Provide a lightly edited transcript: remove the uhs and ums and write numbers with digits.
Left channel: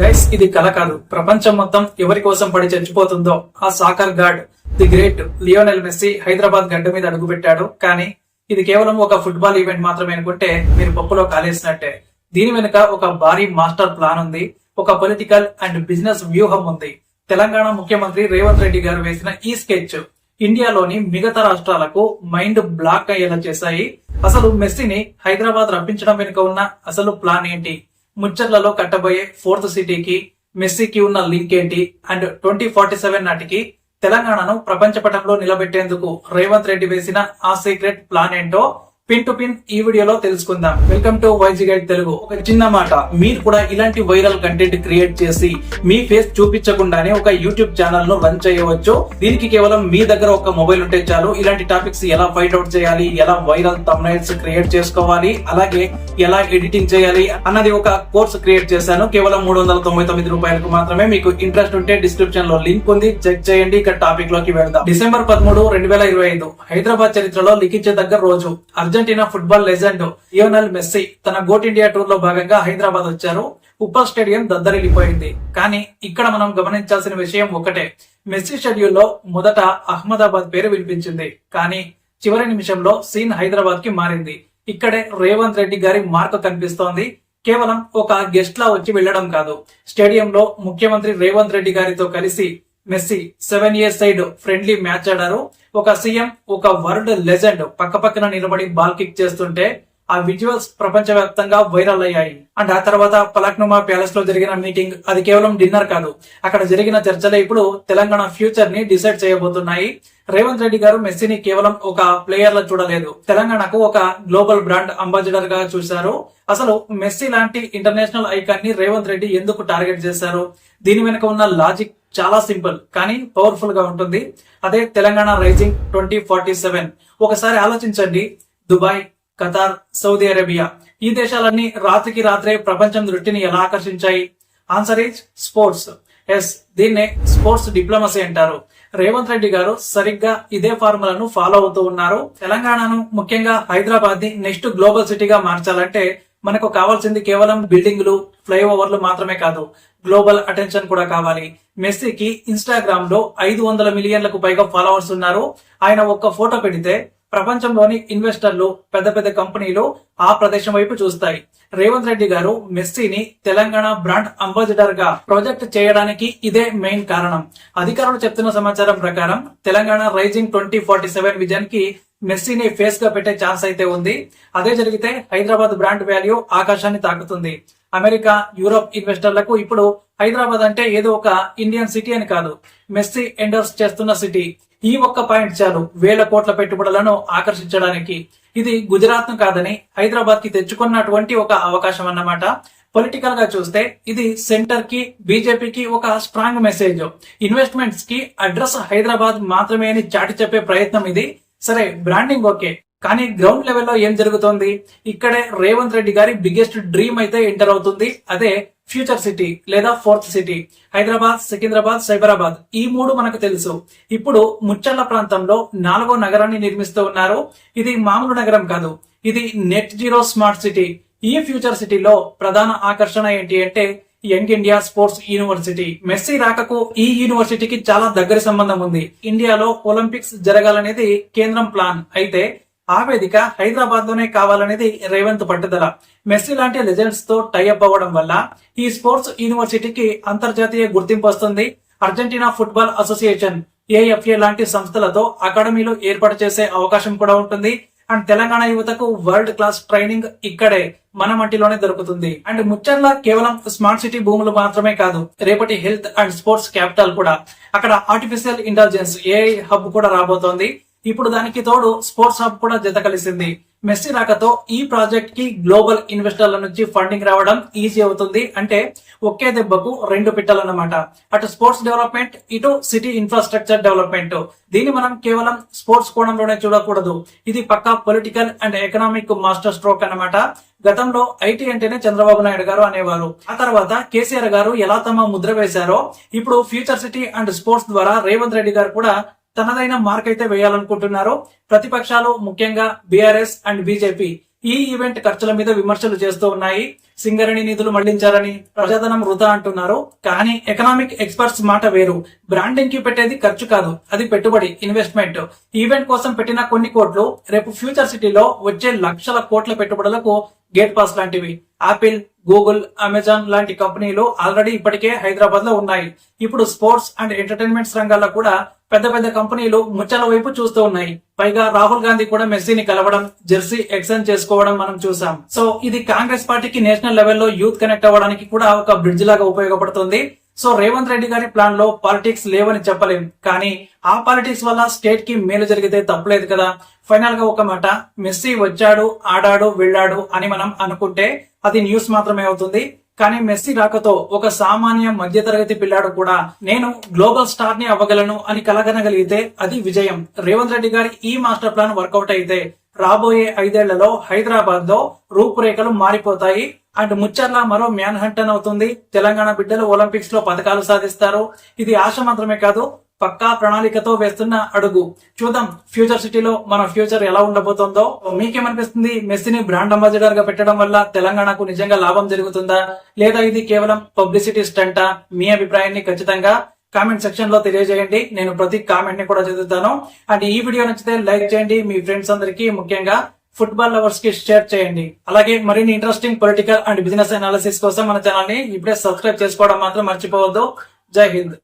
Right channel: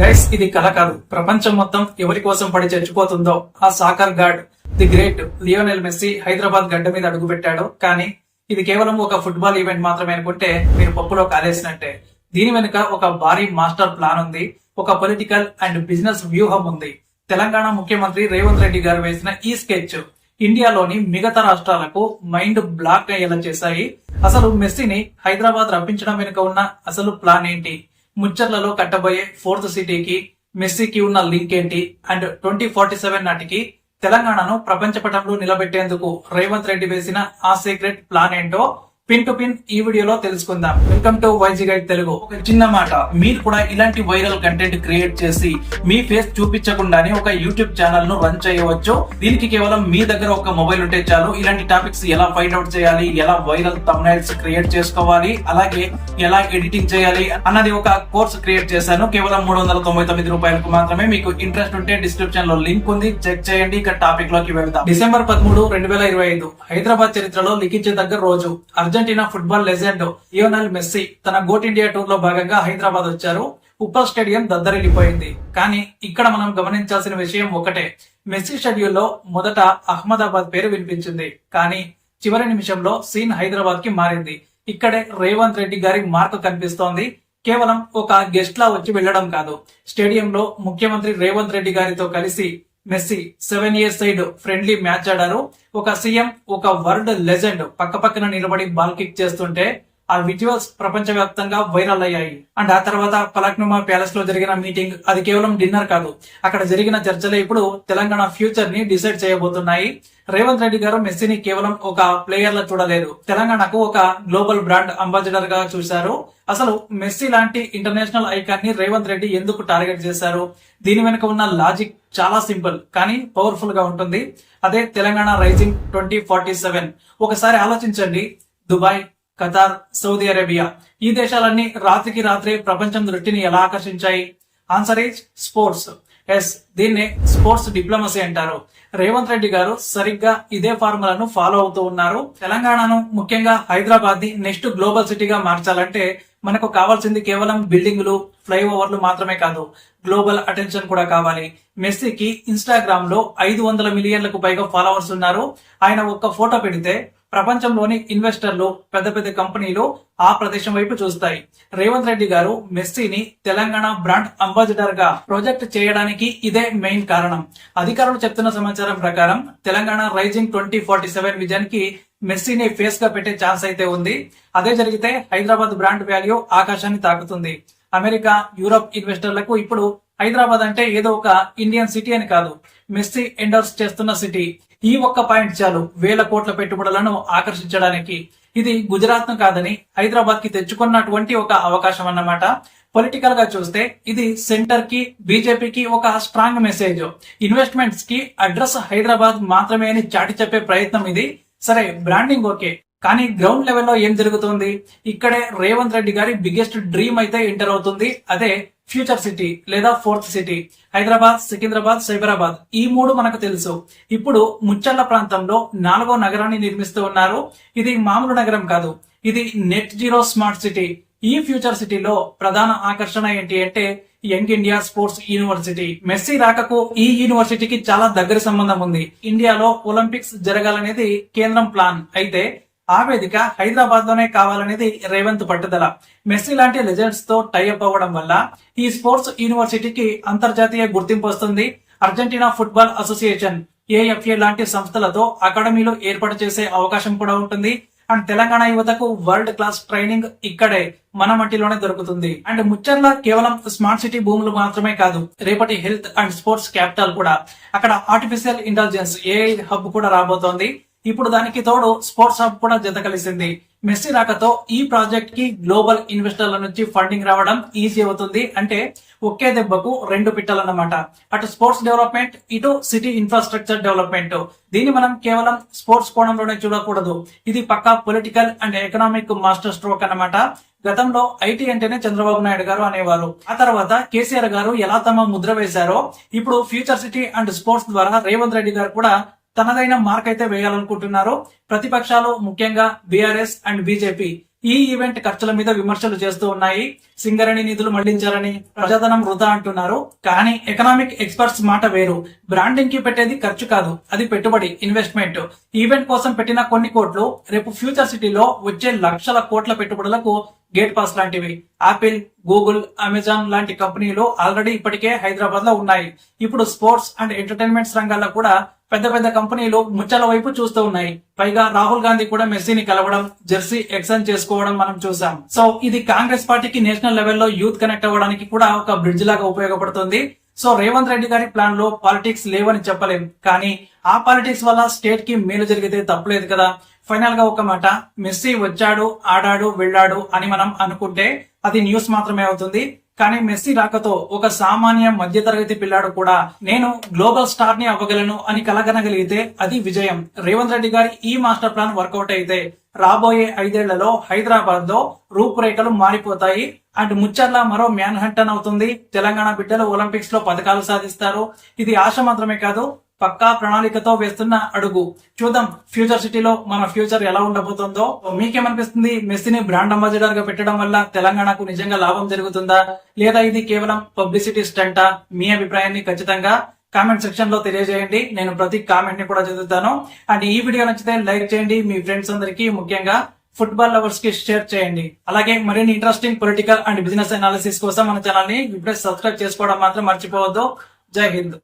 Guys, ఇది కల కాదు. ప్రపంచం మొత్తం ఎవరి కోసం పడి చచ్చిపోతుందో ఆ soccer God the great Lionel Messi Hyderabad గడ్డ మీద అడుగుపెట్టాడు. కానీ ఇది కేవలం ఒక ఫుట్బాల్ ఈవెంట్ మాత్రమే అనుకుంటే మీరు పప్పులో కాలేసినట్టే. దీని వెనుక ఒక భారీ మాస్టర్ ప్లాన్ ఉంది, ఒక పొలిటికల్ అండ్ బిజినెస్ వ్యూహం ఉంది. తెలంగాణ ముఖ్యమంత్రి రేవంత్ రెడ్డి గారు వేసిన ఈ స్కెచ్ ఇండియాలోని మిగతా రాష్ట్రాలకు మైండ్ బ్లాక్ అయ్యేలా చేశాయి. అసలు మెస్సీని హైదరాబాద్ రప్పించడం వెనుక ఉన్న అసలు ప్లాన్ ఏంటి, ముచ్చర్లలో కట్టబోయే ఫోర్త్ సిటీకి మెస్సీకి ఉన్న లింక్ ఏంటి, అండ్ 2047 నాటికి తెలంగాణను ప్రపంచ పటంలో నిలబెట్టేందుకు రేవంత్ రెడ్డి వేసిన ఆ సీక్రెట్ ప్లాన్ ఏంటో పిన్ టు పిన్ ఈ వీడియోలో తెలుసుకుందాం. Welcome to YG guide Telugu. ఒక చిన్న మాట, మీరు కూడా ఇలాంటి వైరల్ కంటెంట్ క్రియేట్ చేసి మీ ఫేస్ చూపించకుండానే ఒక యూట్యూబ్ ఛానల్ ను రన్ చేయవచ్చు. దీనికి కేవలం మీ దగ్గర ఒక మొబైల్ ఉంటే చాలు. ఇలాంటి టాపిక్స్ ఎలా ఫైండ్ అవుట్ చేయాలి, ఎలా వైరల్ థంబ్నైల్స్ క్రియేట్ చేసుకోవాలి, అలాగే ఎలా ఎడిటింగ్ చేయాలి అన్నది ఒక కోర్స్ క్రియేట్ చేశాను. కేవలం 399 రూపాయలకు మాత్రమే. మీకు ఇంట్రెస్ట్ ఉంటే డిస్క్రిప్షన్ లో లింక్ ఉంది, చెక్ చేయండి. ఇక టాపిక్ లోకి వెళ్దాం. డిసెంబర్ 13, 2025 హైదరాబాద్ చరిత్రలో లిఖించదగ్గ రోజు. Argentina football legend Lionel Messi తన గోట్ ఇండియా టూర్ లో భాగంగా హైదరాబాద్ వచ్చారు. ఉప్పల్ స్టేడియం దద్దరిల్లిపోయింది. కానీ ఇక్కడ మనం గమనించాల్సిన విషయం ఒకటే, మెస్సీ షెడ్యూల్లో మొదట అహ్మదాబాద్ పేరు వినిపించింది, కానీ చివరి నిమిషంలో సీన్ హైదరాబాద్ కి మారింది. ఇక్కడే రేవంత్ రెడ్డి గారి మార్క్ కనిపిస్తోంది. కేవలం ఒక గెస్ట్ లా వచ్చి వెళ్లడం కాదు, స్టేడియంలో ముఖ్యమంత్రి రేవంత్ రెడ్డి గారితో కలిసి Messi 7 years side friendly match ఆడారు. ఒక సీఎం, ఒక వరల్డ్ లెజెండ్ పక్కపక్కన నిలబడి బాల్ కిక్ చేస్తుంటే ఆ విజువల్స్ ప్రపంచవ్యాప్తంగా వైరల్ అయ్యాయి. అండ్ ఆ తర్వాత పలక్నుమా ప్యాలెస్ లో జరిగిన మీటింగ్, అది కేవలం డిన్నర్ కాదు, అక్కడ జరిగిన చర్చలే ఇప్పుడు తెలంగాణ ఫ్యూచర్ ని డిసైడ్ చేయబోతున్నాయి. రేవంత్ రెడ్డి గారు మెస్సీని కేవలం ఒక ప్లేయర్ లా చూడలేదు, తెలంగాణకు ఒక గ్లోబల్ బ్రాండ్ అంబాసిడర్ గా చూశారు. అసలు మెస్సీ లాంటి ఇంటర్నేషనల్ ఐకాన్ ని రేవంత్ రెడ్డి ఎందుకు టార్గెట్ చేశారు? దీని వెనుక ఉన్న లాజిక్ చాలా సింపుల్ కానీ పవర్ఫుల్ గా ఉంటుంది. అదే తెలంగాణ రైజింగ్ 2047. ఒకసారి ఆలోచించండి, దుబాయ్, ఖతార్, సౌదీ అరేబియా, ఈ దేశాలన్నీ రాత్రికి రాత్రే ప్రపంచం దృష్టిని ఎలా ఆకర్షించాయి? Answer is sports. ఎస్, దీన్నే స్పోర్ట్స్ డిప్లొమసీ అంటారు. రేవంత్ రెడ్డి గారు సరిగ్గా ఇదే ఫార్ములాను ఫాలో అవుతూ ఉన్నారు. తెలంగాణను, ముఖ్యంగా హైదరాబాద్ ని నెక్స్ట్ గ్లోబల్ సిటీగా మార్చాలంటే మనకు కావాల్సింది కేవలం బిల్డింగ్లు, ఫ్లైఓవర్లు మాత్రమే కాదు, గ్లోబల్ అటెన్షన్ కూడా కావాలి. మెస్సీకి ఇన్స్టాగ్రామ్ లో 500 మిలియన్లకు పైగా ఫాలోవర్స్ ఉన్నారు. ఆయన ఒక్క ఫోటో పెడితే ప్రపంచంలోని ఇన్వెస్టర్లు, పెద్ద పెద్ద కంపెనీలు ఆ ప్రదేశం వైపు చూస్తాయి. రేవంత్ రెడ్డి గారు మెస్సీని తెలంగాణ బ్రాండ్ అంబాసిడర్ గా ప్రాజెక్ట్ చేయడానికి ఇదే మెయిన్ కారణం. అధికారులు చెప్తున్న సమాచారం ప్రకారం తెలంగాణ రైజింగ్ 2047 విజన్ కి మెస్సీని ఫేస్ గా పెట్టే ఛాన్స్ అయితే ఉంది. అదే జరిగితే హైదరాబాద్ బ్రాండ్ వాల్యూ ఆకాశాన్ని తాకుతుంది. అమెరికా, యూరోప్ ఇన్వెస్టర్లకు ఇప్పుడు హైదరాబాద్ అంటే ఏదో ఒక ఇండియన్ సిటీ అని కాదు, మెస్సీ ఎండోర్స్ చేస్తున్న సిటీ. ఈ ఒక్క పాయింట్ చాలు వేల కోట్ల పెట్టుబడులను ఆకర్షించడానికి. ఇది గుజరాత్ ను కాదని హైదరాబాద్ కి తెచ్చుకున్నటువంటి ఒక అవకాశం అన్నమాట. పొలిటికల్ గా చూస్తే ఇది సెంటర్ కి, బీజేపీకి ఒక స్ట్రాంగ్ మెసేజ్. ఇన్వెస్ట్మెంట్స్ కి అడ్రస్ హైదరాబాద్ మాత్రమే అని చాటి చెప్పే ప్రయత్నం ఇది. సరే, బ్రాండింగ్ ఓకే, కానీ గ్రౌండ్ లెవెల్లో ఏం జరుగుతోంది? ఇక్కడే రేవంత్ రెడ్డి గారి బిగ్గెస్ట్ డ్రీమ్ అయితే ఎంటర్ అవుతుంది. అదే ఫ్యూచర్ సిటీ లేదా ఫోర్త్ సిటీ. హైదరాబాద్, సికింద్రాబాద్, సైబరాబాద్, ఈ 3 మనకు తెలుసు. ఇప్పుడు ముచ్చర్ల ప్రాంతంలో 4వ నగరాన్ని నిర్మిస్తూ ఉన్నారు. ఇది మామూలు నగరం కాదు, ఇది నెట్ జీరో స్మార్ట్ సిటీ. ఈ ఫ్యూచర్ సిటీలో ప్రధాన ఆకర్షణ ఏంటి అంటే young India sports university. Messi రాకకు ఈ యూనివర్సిటీకి చాలా దగ్గర సంబంధం ఉంది. ఇండియాలో ఒలింపిక్స్ జరగాలనేది కేంద్రం ప్లాన్ అయితే ఆ వేదిక హైదరాబాద్ లోనే కావాలనేది రేవంత్ పట్టుదల. మెస్సీ లాంటి లెజెండ్స్ తో టైఅప్ అవ్వడం వల్ల ఈ స్పోర్ట్స్ యూనివర్సిటీకి అంతర్జాతీయ గుర్తింపు వస్తుంది. అర్జెంటీనా ఫుట్బాల్ అసోసియేషన్, ఏఎఫ్ఏ లాంటి సంస్థలతో అకాడమీలు ఏర్పాటు చేసే అవకాశం కూడా ఉంటుంది. అండ్ తెలంగాణ యువతకు వరల్డ్ క్లాస్ ట్రైనింగ్ ఇక్కడే మన మట్టిలోనే దొరుకుతుంది. అండ్ ముచ్చర్ల కేవలం స్మార్ట్ సిటీ భూములు మాత్రమే కాదు, రేపటి హెల్త్ అండ్ స్పోర్ట్స్ క్యాపిటల్ కూడా. అక్కడ ఆర్టిఫిషియల్ ఇంటెలిజెన్స్, ఏఐ హబ్ కూడా రాబోతోంది. ఇప్పుడు దానికి తోడు స్పోర్ట్స్ హబ్ కూడా జత కలిసింది. మెస్సీ రాకతో ఈ ప్రాజెక్ట్ కి గ్లోబల్ ఇన్వెస్టర్ల నుంచి ఫండింగ్ రావడం ఈజీ అవుతుంది. అంటే ఒకే దెబ్బకు 2 పిట్టలన్నమాట. అటు స్పోర్ట్స్ డెవలప్మెంట్, ఇటు సిటీ ఇన్ఫ్రాస్ట్రక్చర్ డెవలప్మెంట్. దీన్ని మనం కేవలం స్పోర్ట్స్ కోణంలోనే చూడకూడదు, ఇది పక్కా political and economic master stroke అన్నమాట. గతంలో ఐటీ అంటేనే చంద్రబాబు నాయుడు గారు అనేవారు. ఆ తర్వాత కేసీఆర్ గారు ఎలా తమ ముద్ర వేశారో ఇప్పుడు ఫ్యూచర్ సిటీ అండ్ స్పోర్ట్స్ ద్వారా రేవంత్ రెడ్డి గారు కూడా తనదైన మార్క్ అయితే వేయాలనుకుంటున్నారు. ప్రతిపక్షాలు, ముఖ్యంగా బీఆర్ఎస్ అండ్ బీజేపీ ఈ ఈవెంట్ ఖర్చుల మీద విమర్శలు చేస్తూ ఉన్నాయి. సింగరేణి నిధులు మళ్లించారని, ప్రజాధనం వృధా అంటున్నారు. కానీ ఎకనామిక్ ఎక్స్పర్ట్స్ మాట వేరు. బ్రాండింగ్ కి పెట్టేది ఖర్చు కాదు, అది పెట్టుబడి, ఇన్వెస్ట్మెంట్. ఈవెంట్ కోసం పెట్టిన కొన్ని కోట్లు రేపు ఫ్యూచర్ సిటీలో వచ్చే లక్షల కోట్ల పెట్టుబడులకు గేట్ పాస్ లాంటివి. ఆపిల్, గూగుల్, అమెజాన్ లాంటి కంపెనీలు ఆల్రెడీ ఇప్పటికే హైదరాబాద్ లో ఉన్నాయి. ఇప్పుడు స్పోర్ట్స్ అండ్ ఎంటర్టైన్మెంట్స్ రంగాల్లో కూడా పెద్ద పెద్ద కంపెనీలు ముచ్చాల వైపు చూస్తూ ఉన్నాయి. పైగా రాహుల్ గాంధీ కూడా మెస్సీని కలవడం, జెర్సీ ఎక్స్చేంజ్ చేసుకోవడం మనం చూసాం. సో ఇది కాంగ్రెస్ పార్టీకి నేషనల్ లెవెల్లో యూత్ కనెక్ట్ అవ్వడానికి కూడా ఒక బ్రిడ్జ్ లాగా ఉపయోగపడుతుంది. సో రేవంత్ రెడ్డి గారి ప్లాన్ లో పాలిటిక్స్ లేవని చెప్పలేం, కానీ ఆ పాలిటిక్స్ వల్ల స్టేట్ కి మేలు జరిగితే తప్పలేదు కదా. ఫైనల్ గా ఒక మాట, మెస్సీ వచ్చాడు, ఆడాడు, వెళ్ళాడు అని మనం అనుకుంటే అది న్యూస్ మాత్రమే అవుతుంది. కానీ మెస్సీ రాకతో ఒక సామాన్య మధ్యతరగతి పిల్లాడు కూడా నేను గ్లోబల్ స్టార్ ని అవ్వగలను అని కలగనగలిగితే అది విజయం. రేవంత్ రెడ్డి గారి ఈ మాస్టర్ ప్లాన్ వర్కౌట్ అయితే రాబోయే 5 ఏళ్లలో హైదరాబాద్ లో రూపురేఖలు మారిపోతాయి. అండ్ ముచ్చర్ల మరో మ్యాన్ హంటన్ అవుతుంది. తెలంగాణ బిడ్డలు ఒలింపిక్స్ లో పథకాలు సాధిస్తారు. ఇది ఆశ మాత్రమే కాదు, పక్కా ప్రణాళికతో వేస్తున్న అడుగు. చూద్దాం ఫ్యూచర్ సిటీలో మన ఫ్యూచర్ ఎలా ఉండబోతుందో. మీకేమనిపిస్తుంది? మెస్సీని బ్రాండ్ అంబాసిడర్ గా పెట్టడం వల్ల తెలంగాణకు నిజంగా లాభం జరుగుతుందా, లేదా ఇది కేవలం పబ్లిసిటీ స్టంటా? మీ అభిప్రాయాన్ని ఖచ్చితంగా కామెంట్ సెక్షన్ లో తెలియజేయండి. నేను ప్రతి కామెంట్ ని కూడా చదువుతాను. అండ్ ఈ వీడియో నచ్చితే లైక్ చేయండి, మీ ఫ్రెండ్స్ అందరికీ, ముఖ్యంగా ఫుట్బాల్ లవర్స్ కి షేర్ చేయండి. అలాగే మరిన్ని interesting political and business analysis కోసం మన ఛానల్ ని ఇప్పుడే సబ్స్క్రైబ్ చేసుకోవడం మాత్రం మర్చిపోవద్దు. జై హింద్.